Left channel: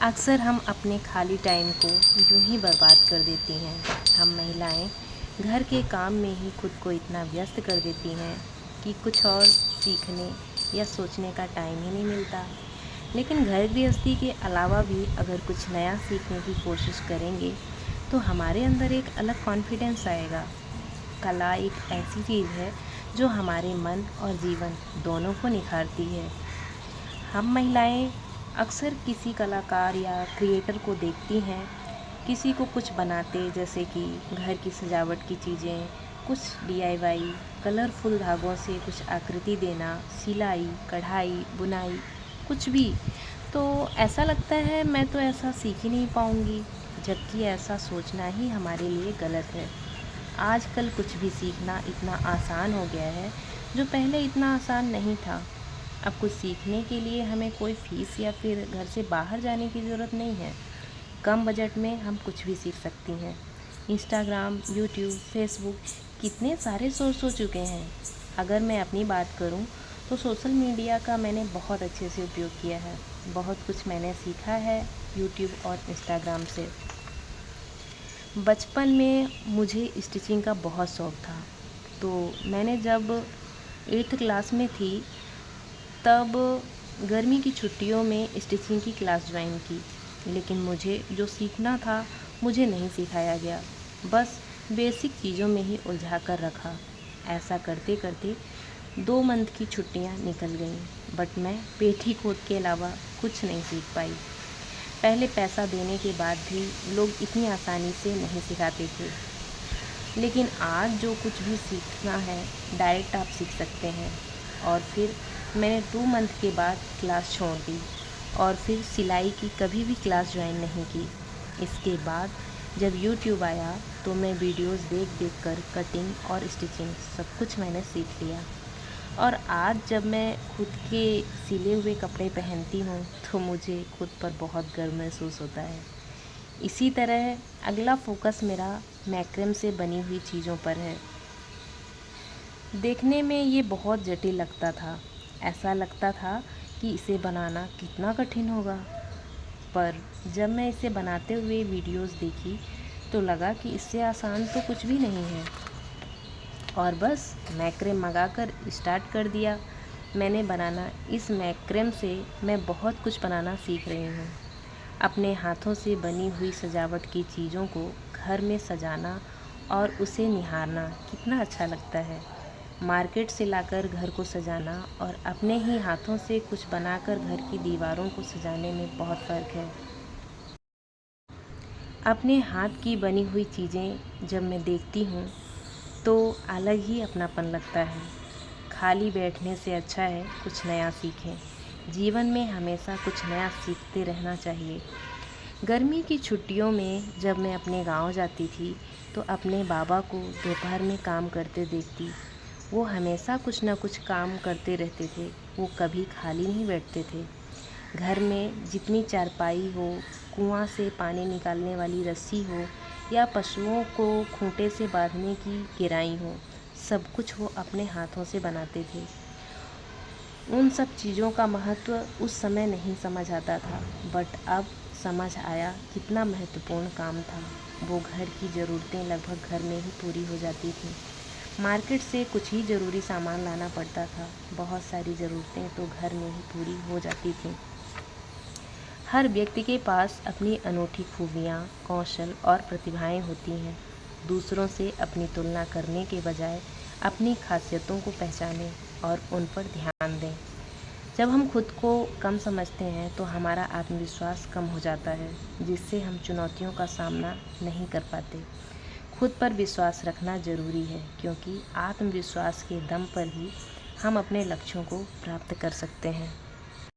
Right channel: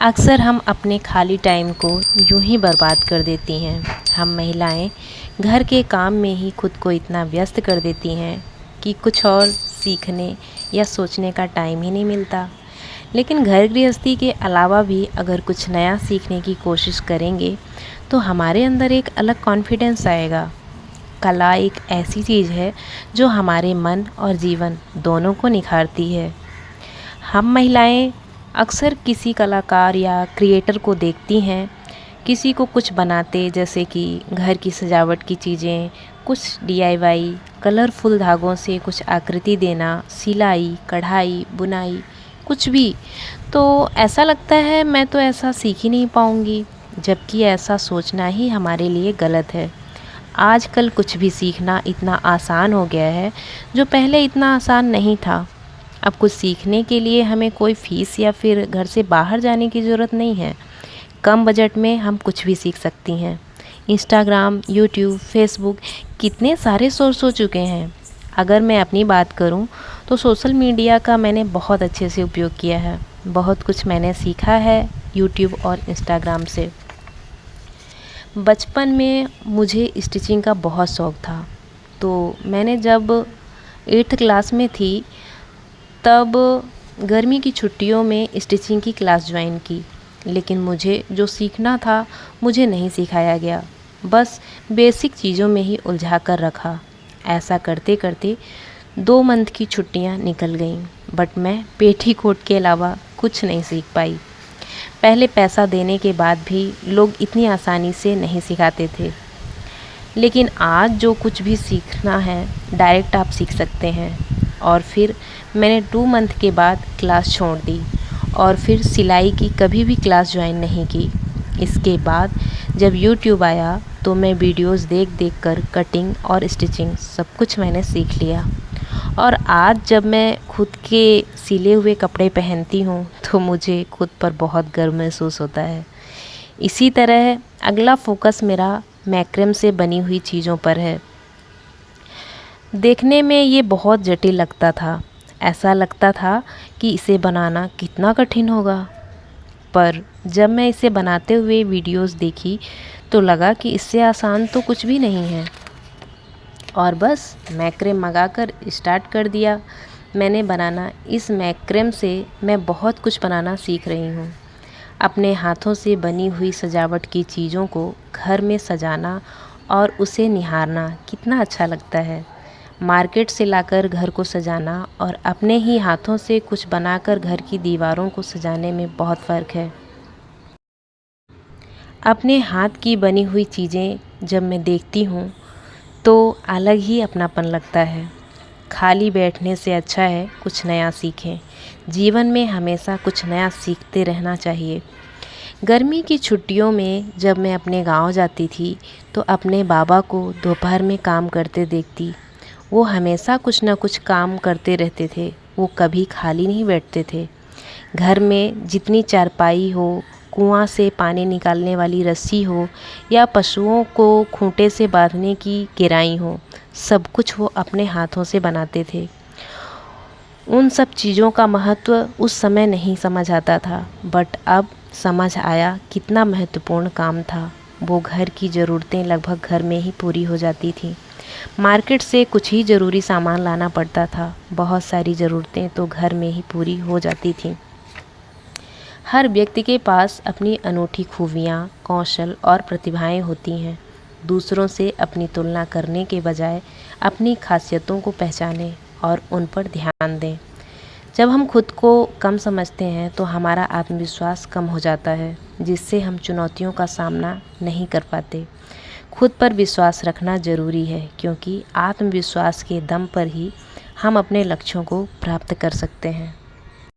अक्सर हम अपने खाली टाइम को यूं ही बर्बाद कर देती हैं। हम महिलाएं घर के काम में ही खुद को इतना व्यस्त कर देती हैं कि कुछ और सीखने या सोचने का टाइम ही नहीं मिलता। लेकिन घर गृहस्थी के अलावा भी अगर कुछ नया सीखने की कोशिश करेंगे तो हमारे अंदर एक अलग कॉन्फिडेंस आएगा। कला एक ऐसी चीज़ है जो हमारे मन और जीवन दोनों को निखारती है। हम महिलाएं अक्सर किसी कलाकार या क्रिएटर को देखती हैं, किसी को कुछ बनाते, जैसे कि घर की सजावट की चीज़ें, कुछ डीआईवाई, कलरफुल धागों से कुछ आकृति देना, सिलाई, कढ़ाई, बुनाई, कुछ भी। तो ऐसा लगता है मैं तो ऐसा सीख ही नहीं पाऊँगी, जबकि ऐसा सोचना ही हमारे लिए गलत है। आजकल कुछ भी सीखना इतना आसान हो गया है, जो पहले इतना आसान नहीं था। अब कुछ सीखने के लिए हमें कोई फ़ीस या फिर घर से बाहर जाने की ज़रूरत नहीं है। कम बजट में हम कुछ भी सीख सकती हैं। इंस्टाग्राम, यूट्यूब, फेसबुक कितने सारे सोर्स हो चुके हैं। अगर मैं अपनी बात करूं तो सोशल मीडिया का मैंने बहुत अच्छे से उपयोग किया है। बहुत कुछ मैंने सीखा है यूट्यूब और इंस्टाग्राम से। बचपन में मुझे स्टिचिंग का बहुत शौक़ था, तो मैंने जब 8th क्लास में थी तब गर्मी की छुट्टियों में स्टिचिंग की क्लास ज्वाइन की। लेकिन मुझे जो सीखना था मुझे नहीं सिखाया गया, बस बेसिक चीज़ों में ही उलझा कर रखा। ऐसा करते करते 2 मंथ की छुट्टियां निकल गईं, बट मैं पेटीकोट के अलावा कुछ नहीं सीख पाई। पहले पैसा देने के बाद भी लोग इतनी आसानी से नहीं सिखाते थे, लेकिन आज जो कुछ भी सीखना है डायरेक्ट आप सीख सकते हैं। और फिर मैंने 2 मंथ के बाद क्लास छोड़ दी और फिर सिलाई की कभी भी क्लास ज्वाइन नहीं की। इसके बाद जब यूट्यूब आया तो मैं वीडियोस देख देख कर कटिंग और स्टिचिंग सब कुछ मैंने सीख लिया। और आज जब मैं खुद के सिले हुए कपड़े पहनती हूँ तो मुझे खुद पर बहुत गर्व महसूस होता है। इसी तरह अगला फोकस मेरा मैक्रम से बनी हुई चीज़ों पर है। देखने में ये बहुत जटिल लगता था। ऐसा लगता था कि इसे बनाना कितना कठिन होगा, पर जब मैं इसे बनाते हुए वीडियोस देखी तो लगा कि इससे आसान तो कुछ भी नहीं है। और बस मैक्रम मंगाकर स्टार्ट कर दिया मैंने बनाना। इस मैक्रम से मैं बहुत कुछ बनाना सीख रही हूँ। अपने हाथों से बनी हुई सजावट की चीज़ों को घर में सजाना और उसे निहारना कितना अच्छा लगता है। मार्केट से लाकर घर को सजाना और अपने ही हाथों से कुछ बनाकर घर की दीवारों को सजाने में बहुत फ़र्क है। अपने हाथ की बनी हुई चीज़ें जब मैं देखती हूँ तो अलग ही अपनापन लगता है। खाली बैठने से अच्छा है कुछ नया सीखें। जीवन में हमेशा कुछ नया सीखते रहना चाहिए। गर्मी की छुट्टियों में जब मैं अपने गांव जाती थी तो अपने बाबा को दोपहर में काम करते देखती। वो हमेशा कुछ न कुछ काम करते रहते थे, वो कभी खाली नहीं बैठते थे। घर में जितनी चारपाई हो, कुआं से पानी निकालने वाली रस्सी हो या पशुओं को खूंटे से बांधने की गिराई हो, सब कुछ वो अपने हाथों से बनाते थे। उन सब चीज़ों का महत्व उस समय नहीं समझ आता था, बट अब समझ आया कितना महत्वपूर्ण काम था। वो घर की ज़रूरतें लगभग घर में ही पूरी हो जाती थी। मार्केट से कुछ ही ज़रूरी सामान लाना पड़ता था, बहुत सारी ज़रूरतें तो घर में ही पूरी हो जाती थीं। हर व्यक्ति के पास अपनी अनूठी खूबियाँ, कौशल और प्रतिभाएं होती हैं। दूसरों से अपनी तुलना करने के बजाय अपनी खासियतों को पहचानें और उन पर ध्यान दें। जब हम खुद को कम समझते हैं तो हमारा आत्मविश्वास कम हो जाता है, जिससे हम चुनौतियों का सामना नहीं कर पाते। खुद पर विश्वास रखना ज़रूरी है, क्योंकि आत्मविश्वास के दम पर ही हम अपने लक्ष्यों को प्राप्त कर सकते हैं।